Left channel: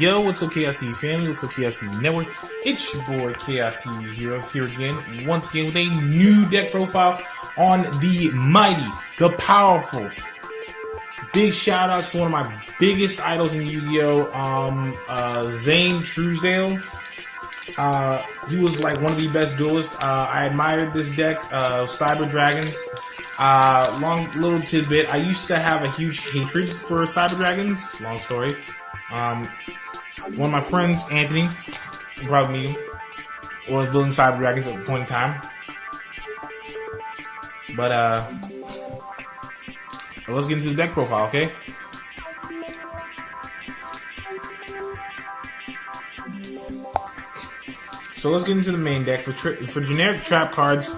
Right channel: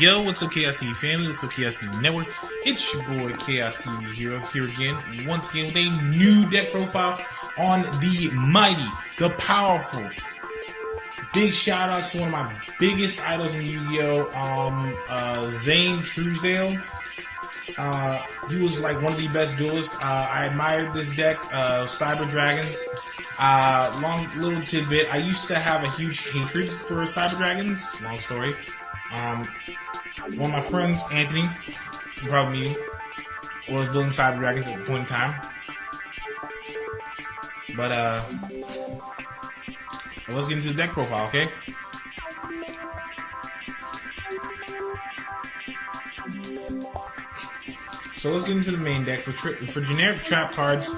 Yo, what's up, Chaos TV family? What's up, Chaos TV Network? It's your boy, Chaos TV Hero, here again, once again, with a new deck profile on the mighty, the powerful. Big shout outs to one of my biggest idols in Yu-Gi-Oh! Zane Truesdale. He was like one of the best duelists. I admired this deck, Cyber Dragons. Long little tidbit. I used to have a huge hatred for Cyber Dragons. Long story. One of my friends, Anthony, probably me, was building Cyber Dragons at the point in time. But let's get into the deck profile, okay? So let's get into the main deck. For generic trap cards,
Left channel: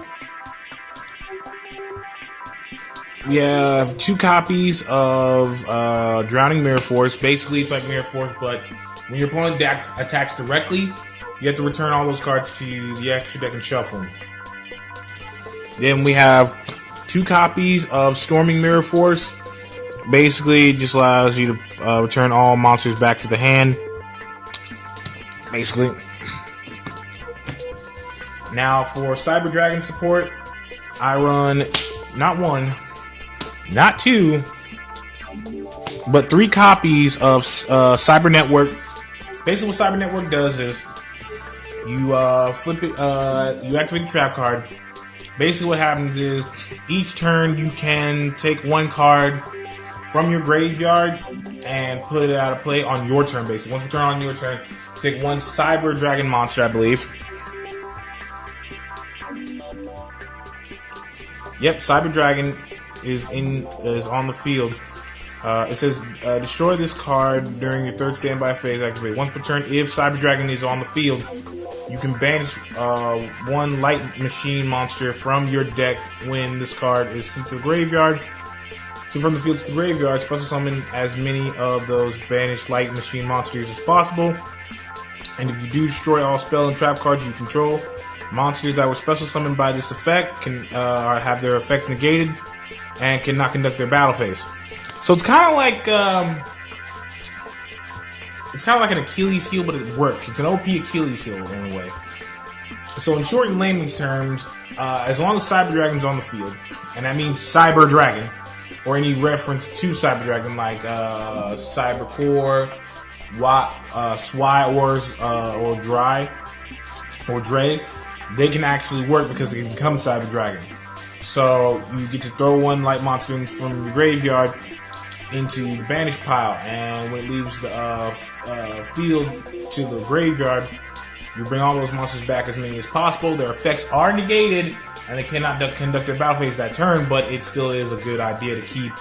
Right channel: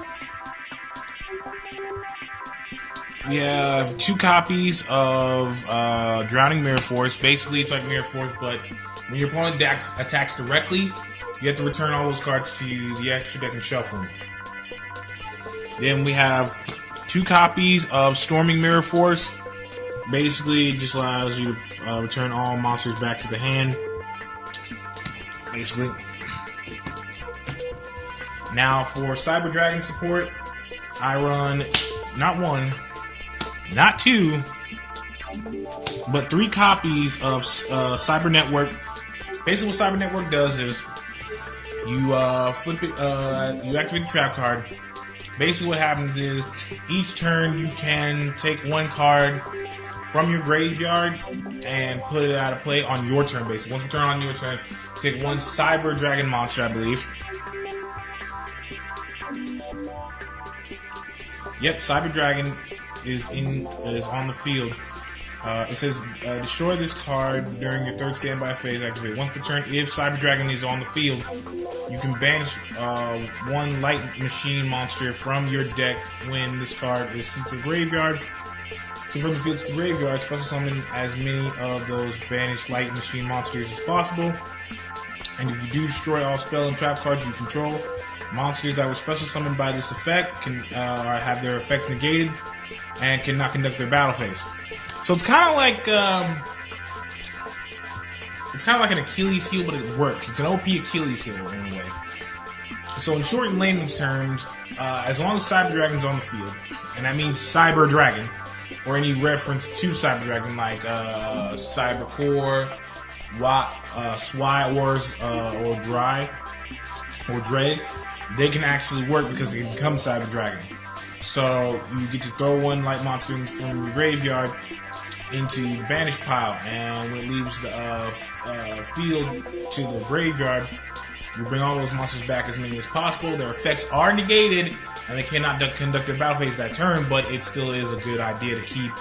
we have 2 copies of Drowning Mirror Force. Basically, it's like Mirror Force, but when your opponent attacks directly, you have to return all those cards to the extra deck and shuffle them. Then we have 2 copies of Storming Mirror Force. Basically, it just allows you to return all monsters back to the hand. Basically. Now, for Cyber Dragon support, I run not 1, not 2, but 3 copies of Cyber Network. Basically, what Cyber Network does is you flip it, you activate the trap card. Basically, what happens is each turn you can take 1 card from your graveyard and put it out of play on your turn. Basically, once you turn on your turn, take 1 Cyber Dragon monster, I believe. Yep, Cyber Dragon is on the field. It says destroy this card during your 3rd standby phase. Activate 1 per turn. If Cyber Dragon is on the field, you can banish 1 Light Machine monster from your deck when this card is sent to the graveyard. So from the field to the graveyard, special summon as many of those banished Light Machine monsters as possible. And if you do destroy all spell and trap cards you control, monsters that were special summoned by this effect can have their effects negated and cannot conduct their battle phase. So it's kind of like an Achilles heel, but it works. It's an OP Achilles heel in a way. So in short and layman's terms, as long as Cyber Dragon's on the field, and that means Cyber Dragon, or any reference to Cyber Dragon like Cyber Core, Swy, or Dry, or Dre, they can actually work because they can become Cyber Dragon. So you get to throw 1 light monster from the graveyard into the banish pile, and when it leaves the field to the graveyard, you bring all those monsters back as many as possible. Their effects are negated, and they cannot conduct their battle phase that turn, but it still is a good idea to keep,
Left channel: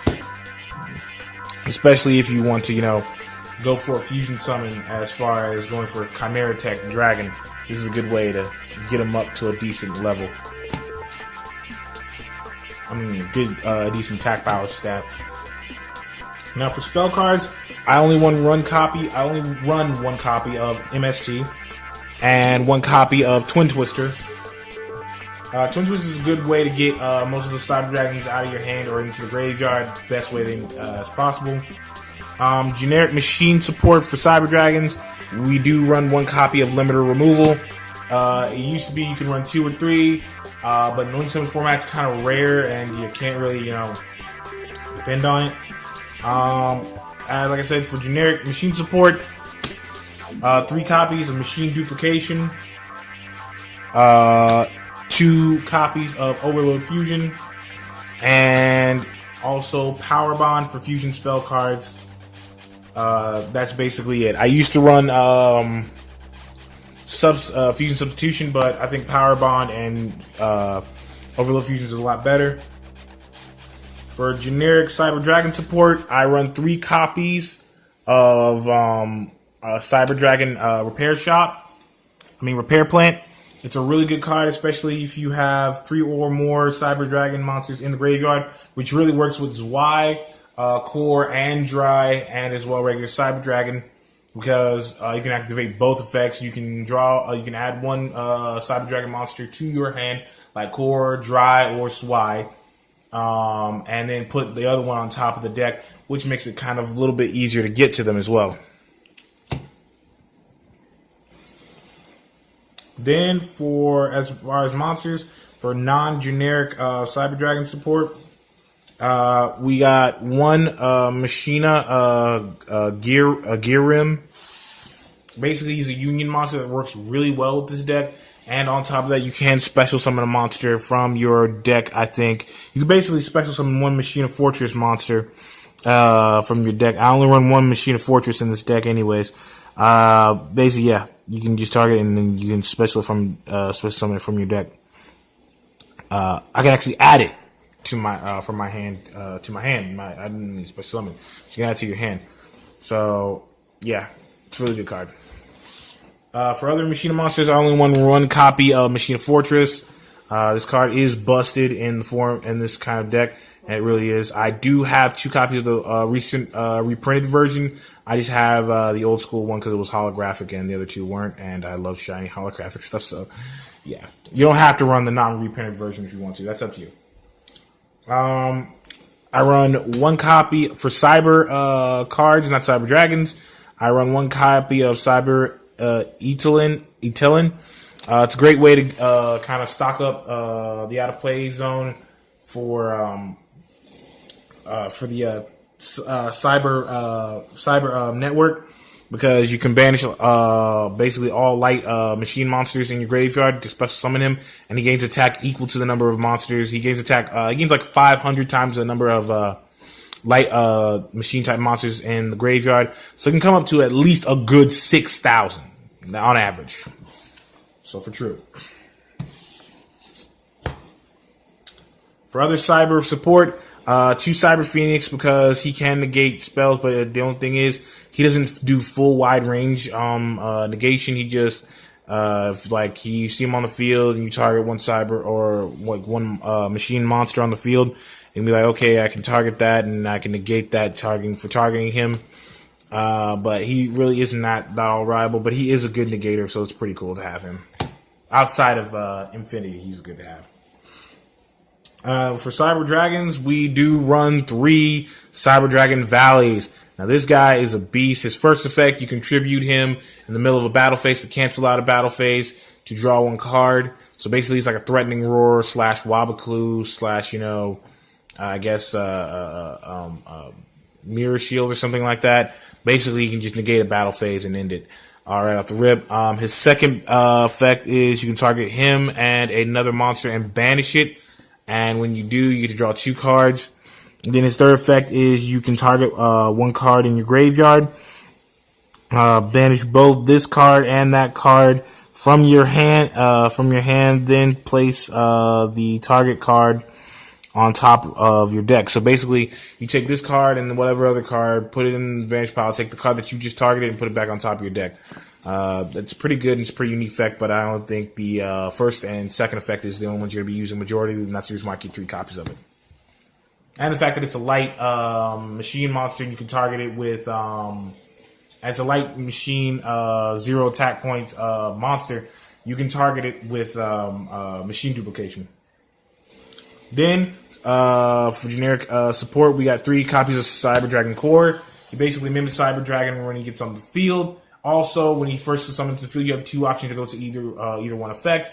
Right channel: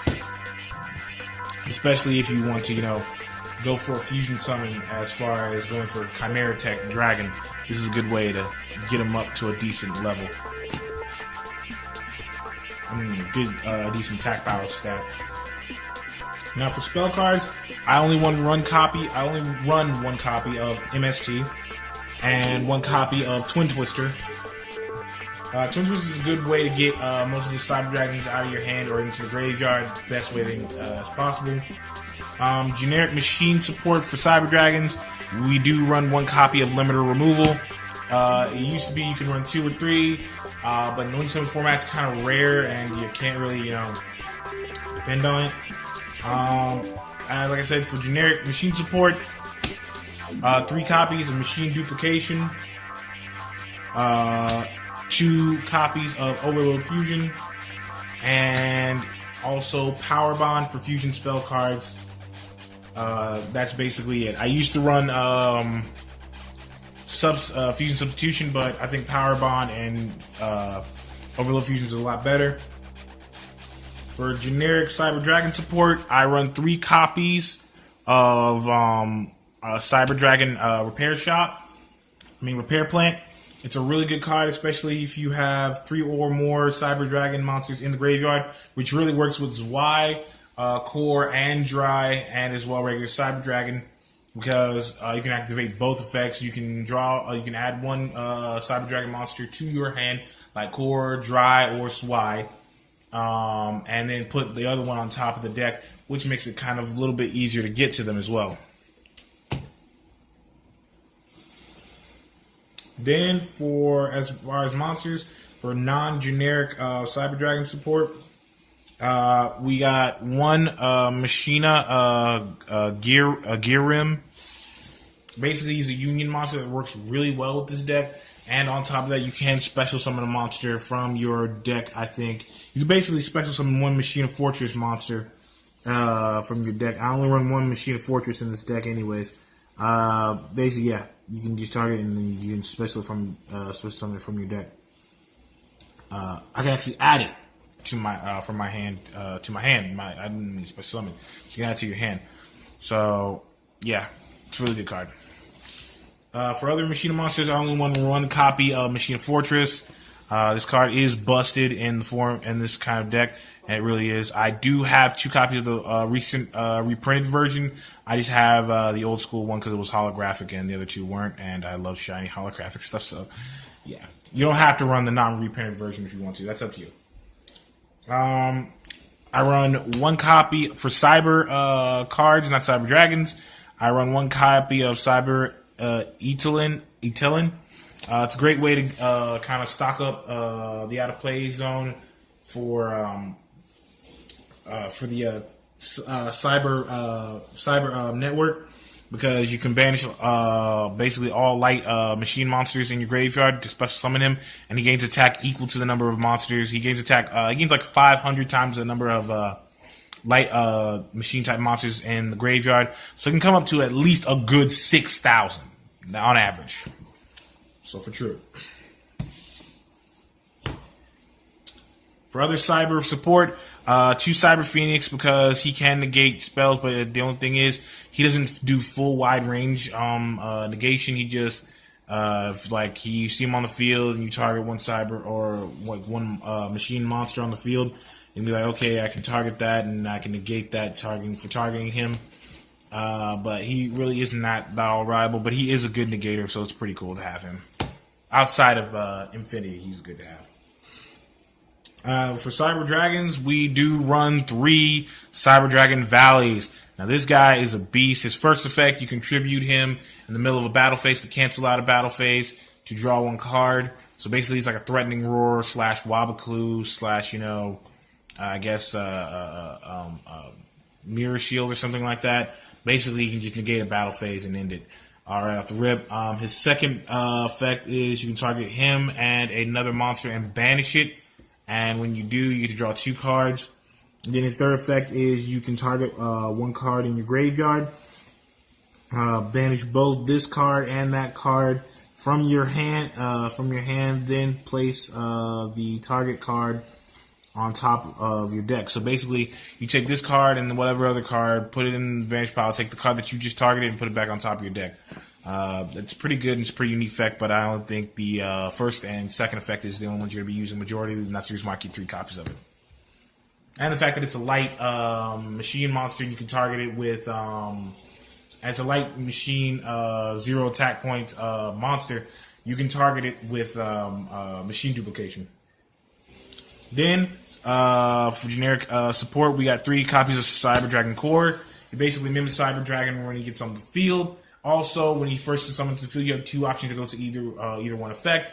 especially if you want to, go for a fusion summon as far as going for Chimera Tech Dragon. This is a good way to get them up to a decent level. Decent attack power stat. Now for spell cards, I only run one copy of MSG and 1 copy of Twin Twister. Twin Twister is a good way to get most of the Cyber Dragons out of your hand or into your graveyard the best way as possible. Generic machine support for Cyber Dragons. We do run 1 copy of Limiter Removal. It used to be you can run 2 or 3, but the Link 7 format's kind of rare and you can't really, depend on it. And like I said, for generic machine support, 3 copies of Machine Duplication, 2 copies of Overload Fusion, and also Power Bond for fusion spell cards. That's basically it. I used to run Fusion Substitution, but I think Power Bond and Overload Fusion is a lot better. For generic Cyber Dragon support, I run 3 copies of Cyber Dragon Repair Plant. It's a really good card, especially if you have 3 or more Cyber Dragon monsters in the graveyard, which really works with Zwei, Core, and Dry, and as well regular Cyber Dragon, because you can activate both effects. You can you can add 1 Cyber Dragon monster to your hand, like Core, Dry, or Zwei. and then put the other one on top of the deck, which makes it kind of a little bit easier to get to them as well. Then as far as monsters, for non-generic Cyber Dragon support, we got one Machina Gear Rim. Basically, he's a Union monster that works really well with this deck. And on top of that, you can special summon a monster from your deck, I think. You can basically special summon one Machina Fortress monster from your deck. I only run one Machina Fortress in this deck anyways. Basically, yeah, you can just target it and then you can special summon it from your deck. I can actually add it to my from my hand to my hand. I didn't mean special summon. So you can add it to your hand. So yeah, it's a really good card. For other Machina monsters, I only want one copy of Machina Fortress. This card is busted in this kind of deck, and it really is. I do have 2 copies of the recent reprinted version. I just have the old school one because it was holographic, and the other 2 weren't. And I love shiny holographic stuff, so yeah, you don't have to run the non-reprinted version if you want to. That's up to you. I run 1 copy for Cyber cards, not Cyber Dragons. I run 1 copy of Cyber Etelin. It's a great way to kind of stock up the out of play zone for the cyber network, because you can banish basically all light machine monsters in your graveyard to special summon him, and he gains attack equal to the number of monsters. He gains attack. He gains like 500 times the number of light machine type monsters in the graveyard, so it can come up to at least a good 6,000 on average. So for true. For other cyber support, 2 Cyber Phoenix, because he can negate spells, but the only thing is he doesn't do full wide range negation. He just like you see him on the field and you target one cyber or like one machine monster on the field, and be like, okay, I can target that and I can negate that targeting him. But he really isn't that all reliable, but he is a good negator, so it's pretty cool to have him. Outside of Infinity, he's good to have. For Cyber Dragons, we do run 3 Cyber Dragon Valleys. Now, this guy is a beast. His first effect, you contribute him in the middle of a battle phase to cancel out a battle phase to draw 1 card. So basically, he's like a Threatening Roar / Wabaklu / I guess Mirror Shield or something like that. Basically, you can just negate a battle phase and end it right off the rip. His second effect is you can target him and another monster and banish it. And when you do, you get to draw 2 cards. And then his third effect is you can target 1 card in your graveyard. Banish both this card and that card from your hand. Then place the target card on top of your deck. So basically, you take this card and whatever other card, put it in the banish pile, take the card that you just targeted and put it back on top of your deck. It's pretty good and it's a pretty unique effect, but I don't think the first and second effect is the only ones you're going to be using majority, and that's the reason why I keep 3 copies of it. And the fact that it's a light machine monster, and you can target it with, as a light machine 0 attack point monster, you can target it with machine duplication. Then, for generic support, we got 3 copies of Cyber Dragon Core. He basically mimics Cyber Dragon when he gets on the field. Also, when he first is summoned to the field, you have 2 options to go to either one effect.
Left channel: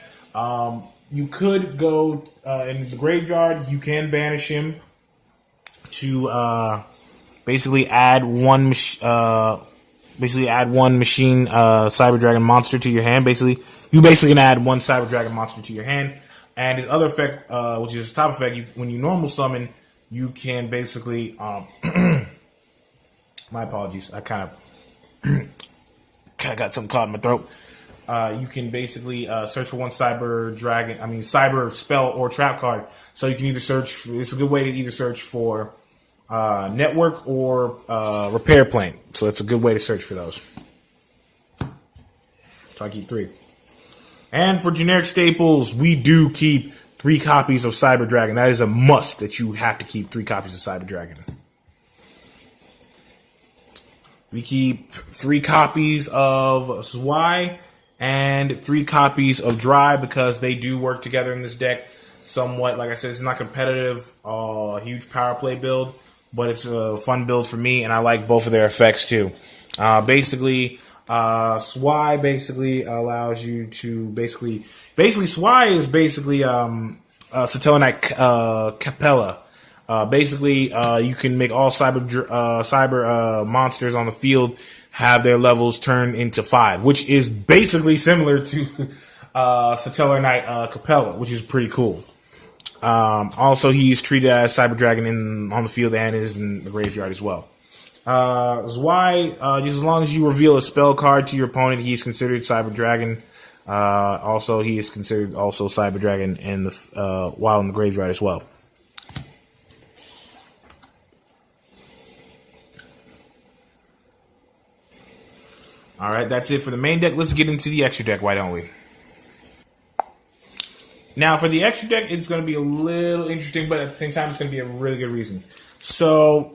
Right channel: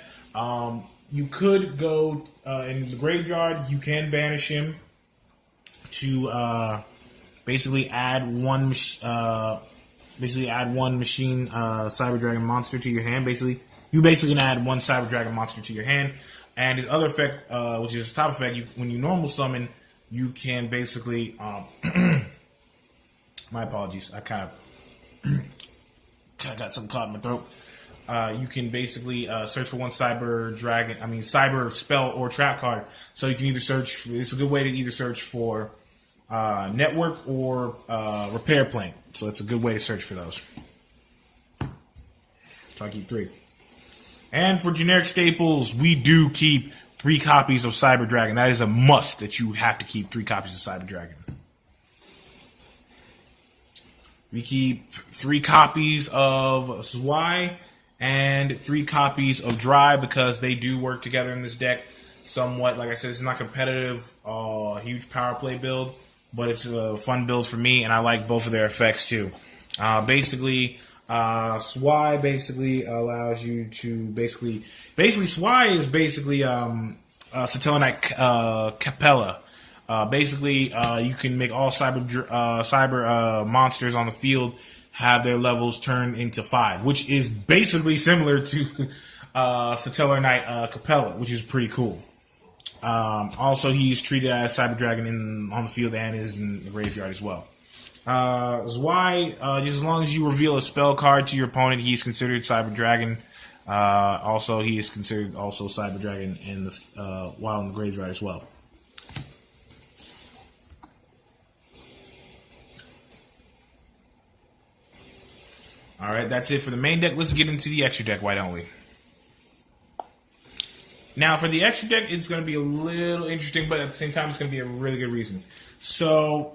You could go in the graveyard. You can banish him to basically add one machine Cyber Dragon monster to your hand. You can add 1 Cyber Dragon monster to your hand. And his other effect, which is his top effect, when you normal summon, you can basically... my apologies. I kind of got something caught in my throat. You can basically search for 1 cyber spell or trap card. So you can either search... It's a good way to either search for network or repair plane. So it's a good way to search for those. So I keep 3. And for generic staples, we do keep 3 copies of Cyber Dragon. That is a must that you have to keep 3 copies of Cyber Dragon. We keep 3 copies of Zwei and 3 copies of Dry because they do work together in this deck. somewhat. Like I said, it's not competitive, huge power play build, but it's a fun build for me, and I like both of their effects too. Basically, Swy basically allows you to basically Swy is basically Satellarknight Capella. Basically, you can make all cyber monsters on the field have their levels turned into 5, which is basically similar to Satellarknight Capella, which is pretty cool. Also, he's treated as Cyber Dragon on the field and is in the graveyard as well. Zwei, just as long as you reveal a spell card to your opponent, he's considered Cyber Dragon. Also, he is considered also Cyber Dragon while in the graveyard as well. All right, that's it for the main deck. Let's get into the extra deck, why don't we? Now, for the extra deck, it's going to be a little interesting, but at the same time, it's going to be a really good reason. So,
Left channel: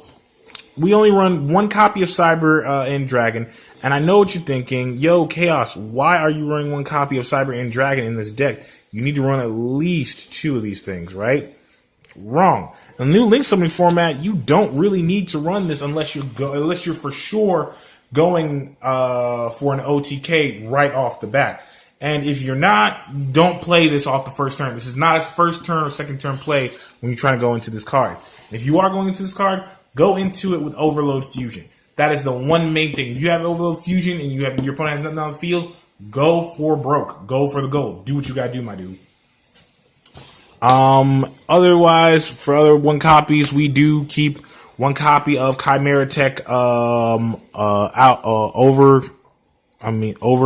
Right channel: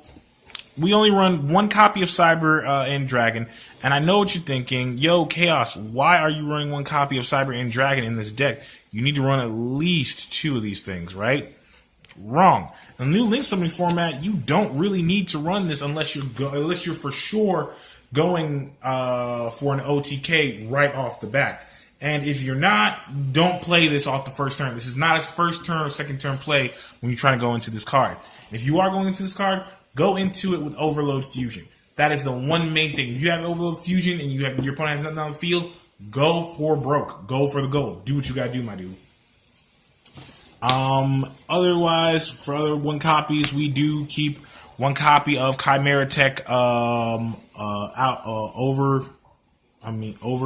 we only run one copy of Cyber and Dragon, and I know what you're thinking. Yo, Chaos, why are you running one copy of Cyber and Dragon in this deck? You need to run at least 2 of these things, right? Wrong. In the new Link Summoning format, you don't really need to run this unless you're for sure going for an OTK right off the bat. And if you're not, don't play this off the first turn. This is not a first turn or second turn play when you're trying to go into this card. If you are going into this card, go into it with Overload Fusion. That is the one main thing. If you have Overload Fusion and your opponent has nothing on the field, go for broke. Go for the gold. Do what you gotta do, my dude. Otherwise, for other 1 copies, we do keep 1 copy of Chimera Tech Over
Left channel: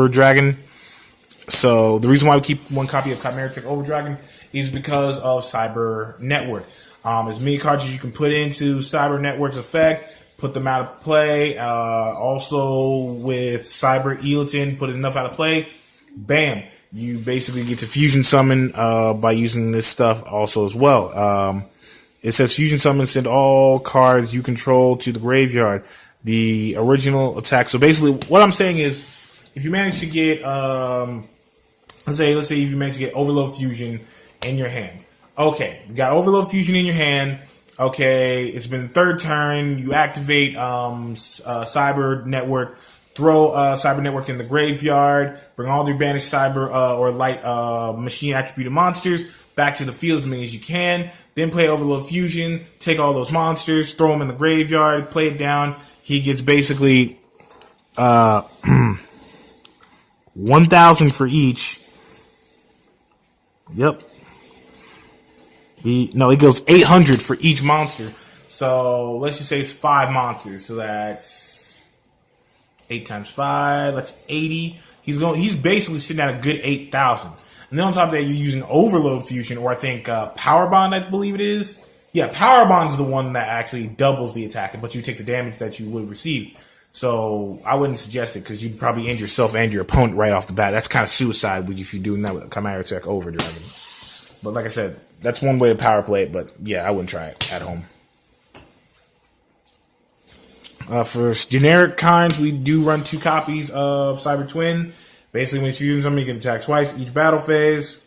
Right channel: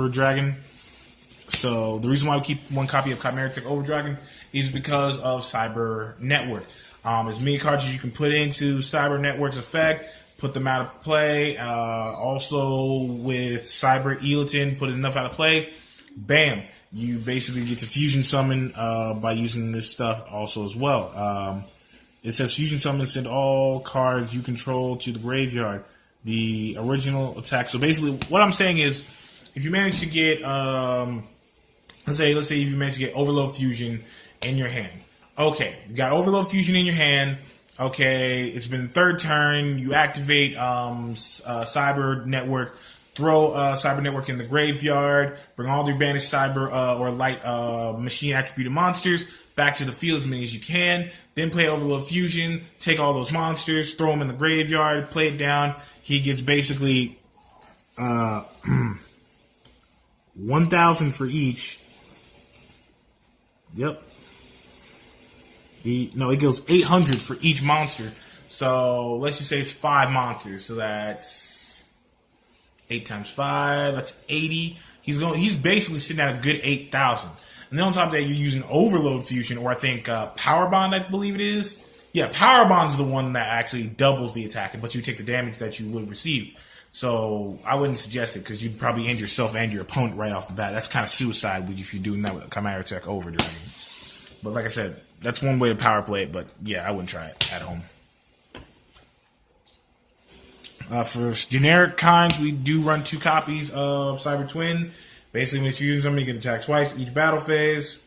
Dragon. So the reason why we keep 1 copy of Chimera Tech Over Dragon is because of Cyber Network. As many cards as you can put into Cyber Network's effect, put them out of play. Also with Cyber Elotin, put enough out of play. Bam. You basically get to fusion summon by using this stuff also as well. It says fusion summon, send all cards you control to the graveyard. The original attack. So basically what I'm saying is if you manage to get let's say if you manage to get Overload Fusion in your hand. Okay, you got Overload Fusion in your hand. Okay, it's been 3rd turn. You activate Cyber Network. Throw Cyber Network in the graveyard. Bring all your banished Cyber or Light Machine attributed monsters back to the field as many as you can. Then play Overload Fusion. Take all those monsters. Throw them in the graveyard. Play it down. He gets basically 1,000 for each. Yep. He goes 800 for each monster. So let's just say it's 5 monsters. So that's 8 times 5. That's 80. He's basically sitting at a good 8,000. And then on top of that, you're using Overload Fusion, or I think Power Bond, I believe it is. Yeah, Power Bond's the one that actually doubles the attack, but you take the damage that you would receive. So I wouldn't suggest it because you'd probably end yourself and your opponent right off the bat. That's kind of suicide if you're doing that with Chimera Tech Over Dragon. But like I said, that's one way to power play it, but yeah, I wouldn't try it at home. For generic kinds, we do run 2 copies of Cyber Twin. Basically, when it's fusion something, you can attack twice each battle phase.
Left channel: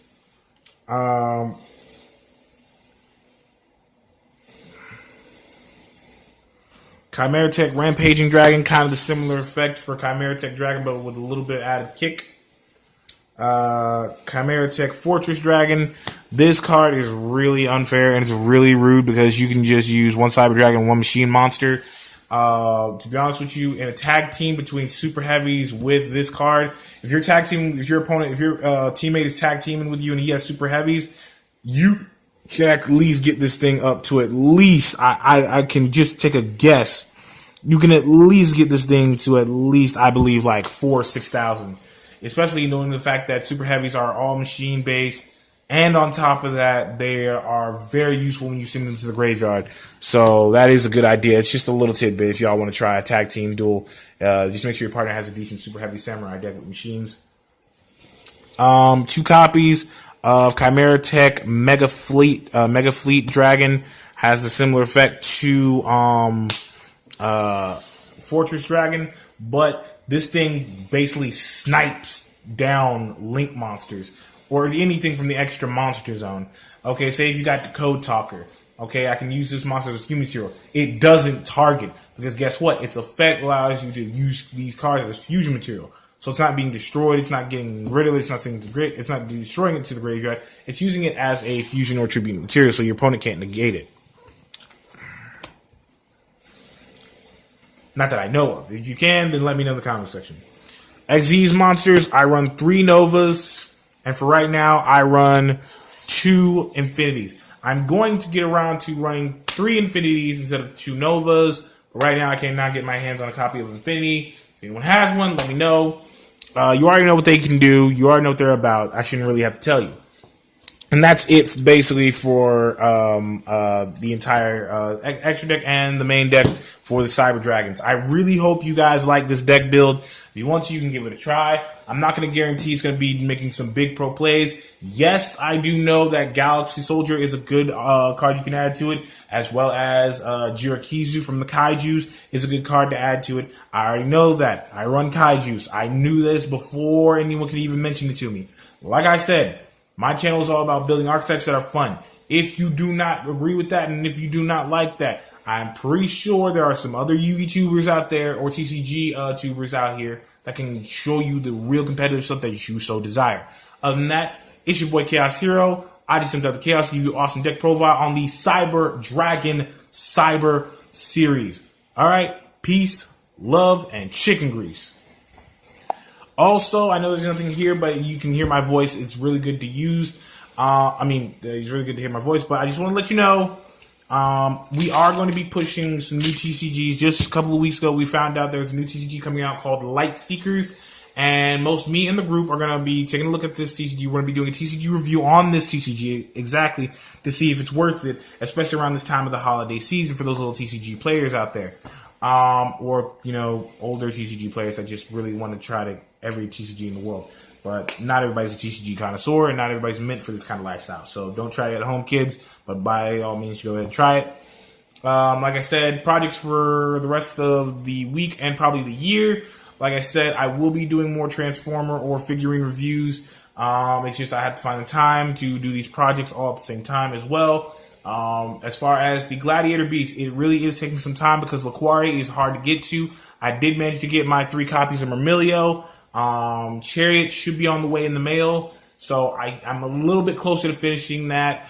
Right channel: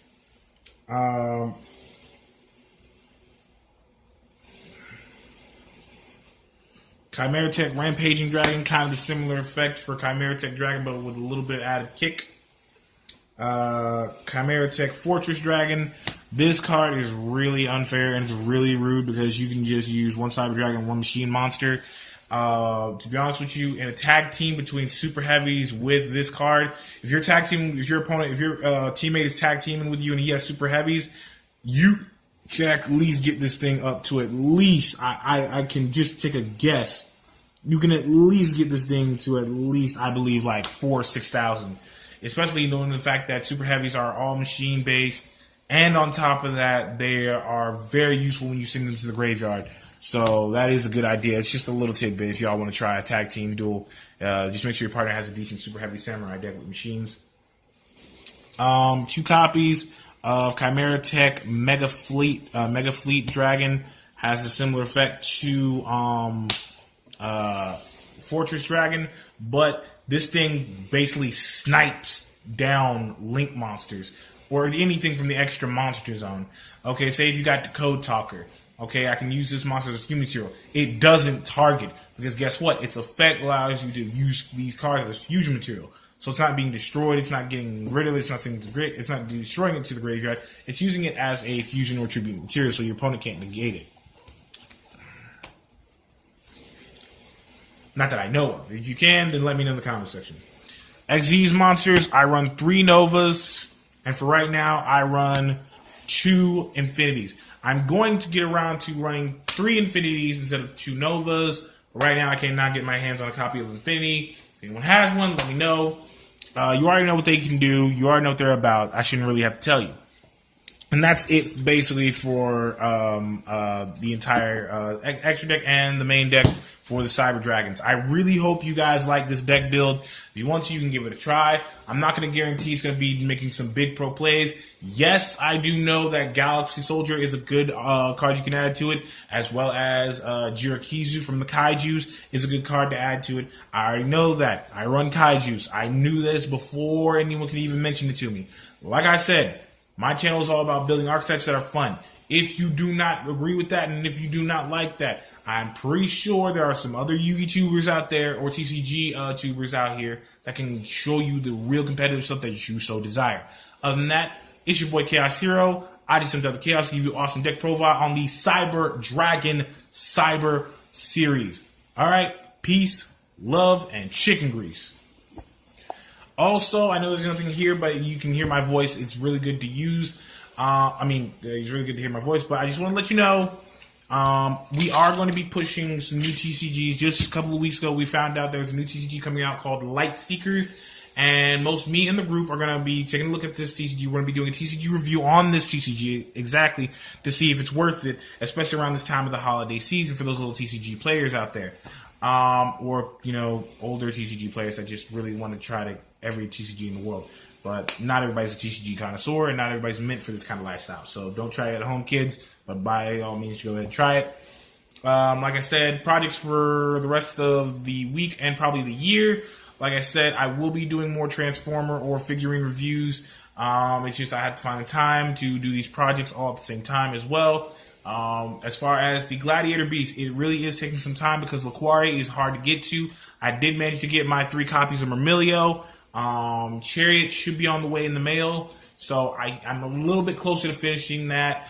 Chimera Tech Rampaging Dragon, kind of the similar effect for Chimera Tech Dragon, but with a little bit added kick. Chimera Tech Fortress Dragon. This card is really unfair and it's really rude because you can just use 1 Cyber Dragon, 1 Machine Monster. To be honest with you, in a tag team between Super Heavies with this card, if your teammate is tag teaming with you and he has Super Heavies, you can at least get this thing up to at least, I can just take a guess, you can at least get this thing to at least, I believe, like 4,000 or 6,000. Especially knowing the fact that Super Heavies are all machine based, and on top of that, they are very useful when you send them to the graveyard. So that is a good idea. It's just a little tidbit if y'all want to try a tag team duel. Just make sure your partner has a decent Super Heavy Samurai deck with machines. 2 copies of Chimera Tech Mega Fleet Dragon has a similar effect to Fortress Dragon, but this thing basically snipes down Link monsters. or anything from the extra monster zone. Okay, say if you got the Code Talker. Okay, I can use this monster as fusion material. It doesn't target because guess what? Its effect allows you to use these cards as fusion material. So it's not being destroyed. It's not getting rid of it. It's not sending it to the grave. It's not destroying it to the graveyard. It's using it as a fusion or tribute material, so your opponent can't negate it. Not that I know of. If you can, then let me know in the comment section. Xyz monsters, I run 3 Novas, and for right now, I run 2 Infinities. I'm going to get around to running 3 Infinities instead of 2 Novas. But right now, I cannot get my hands on a copy of Infinity. If anyone has one, let me know. You already know what they can do. You already know what they're about. I shouldn't really have to tell you. And that's it, basically, for the entire extra deck and the main deck for the Cyber Dragons. I really hope you guys like this deck build. If you want to, you can give it a try. I'm not going to guarantee it's going to be making some big pro plays. Yes, I do know that Galaxy Soldier is a good card you can add to it, as well as Jirakizu from the Kaijus is a good card to add to it. I already know that. I run Kaijus. I knew this before anyone could even mention it to me. Like I said, my channel is all about building archetypes that are fun. If you do not agree with that, and if you do not like that, I'm pretty sure there are some other Yu-Gi tubers out there, or TCG tubers out here, that can show you the real competitive stuff that you so desire. Other than that, it's your boy Chaos Hero. I just sent out the Chaos to give you awesome deck profile on the Cyber Dragon Cyber Series. Alright, peace, love, and chicken grease. Also, I know there's nothing here, but you can hear my voice. It's really good to use. It's really good to hear my voice, but I just want to let you know, we are going to be pushing some new TCGs. Just a couple of weeks ago, we found out there's a new TCG coming out called Light Seekers, and me and the group are going to be taking a look at this TCG. We're going to be doing a TCG review on this TCG exactly to see if it's worth it, especially around this time of the holiday season for those little TCG players out there. Or older TCG players that just really want to try every TCG in the world. But not everybody's a TCG connoisseur, and not everybody's meant for this kind of lifestyle. So don't try it at home, kids, but by all means, go ahead and try it. Like I said, projects for the rest of the week and probably the year. Like I said, I will be doing more Transformer or figurine reviews. It's just I have to find the time to do these projects all at the same time as well. As far as the Gladiator Beast, it really is taking some time because Laquari is hard to get to. I did manage to get my 3 copies of Myrmilio. Chariot should be on the way in the mail, so I'm a little bit closer to finishing that.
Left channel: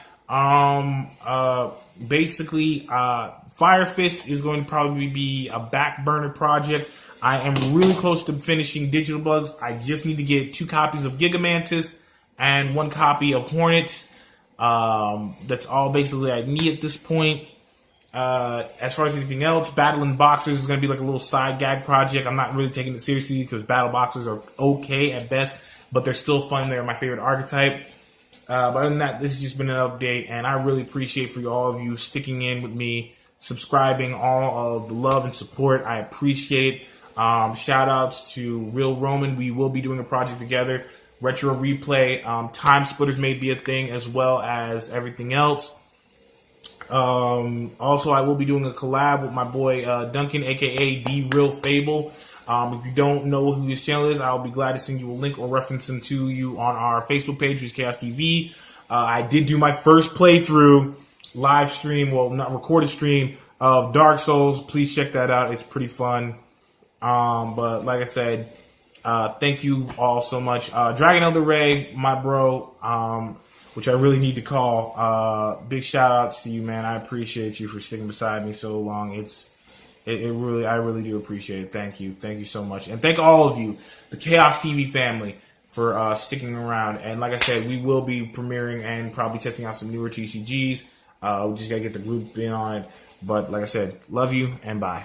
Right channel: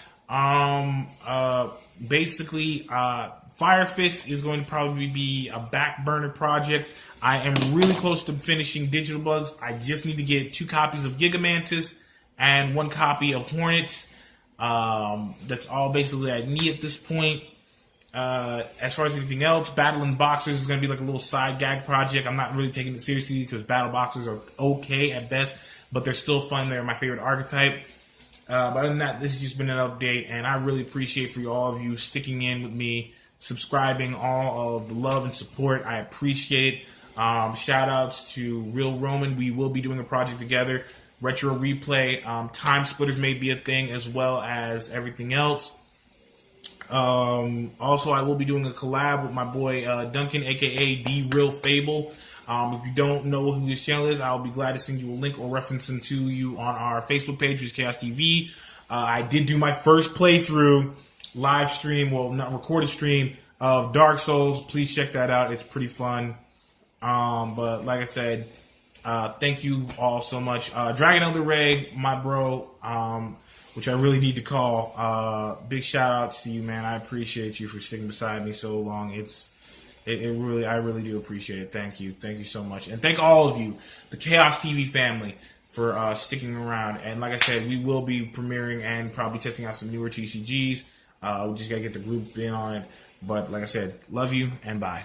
Fire Fist is going to probably be a back burner project. I am really close to finishing Digital Bugs. I just need to get 2 copies of Gigamantis and 1 copy of Hornets. That's all basically I need at this point. As far as anything else, Battling Boxers is going to be like a little side gag project. I'm not really taking it seriously because Battle Boxers are okay at best, but they're still fun. They're my favorite archetype. But other than that, this has just been an update, and I really appreciate for all of you sticking in with me, subscribing, all of the love and support. I appreciate. Shout outs to Real Roman. We will be doing a project together. Retro Replay. Time Splitters may be a thing as well as everything else. Also, I will be doing a collab with my boy Duncan, aka The Real Fable. If you don't know who his channel is, I'll be glad to send you a link or reference him to you on our Facebook page, which is Chaos TV. I did do my first playthrough live stream, well, not recorded stream, of Dark Souls. Please check that out. It's pretty fun. But like I said, thank you all so much. Dragon Elder Ray, my bro, which I really need to call. Big shout outs to you, man. I appreciate you for sticking beside me so long. I really do appreciate it. Thank you so much, and thank all of you, the Chaos TV family, for sticking around. And like I said, we will be premiering and probably testing out some newer TCGs. We just gotta get the group in on it. But like I said, love you and bye.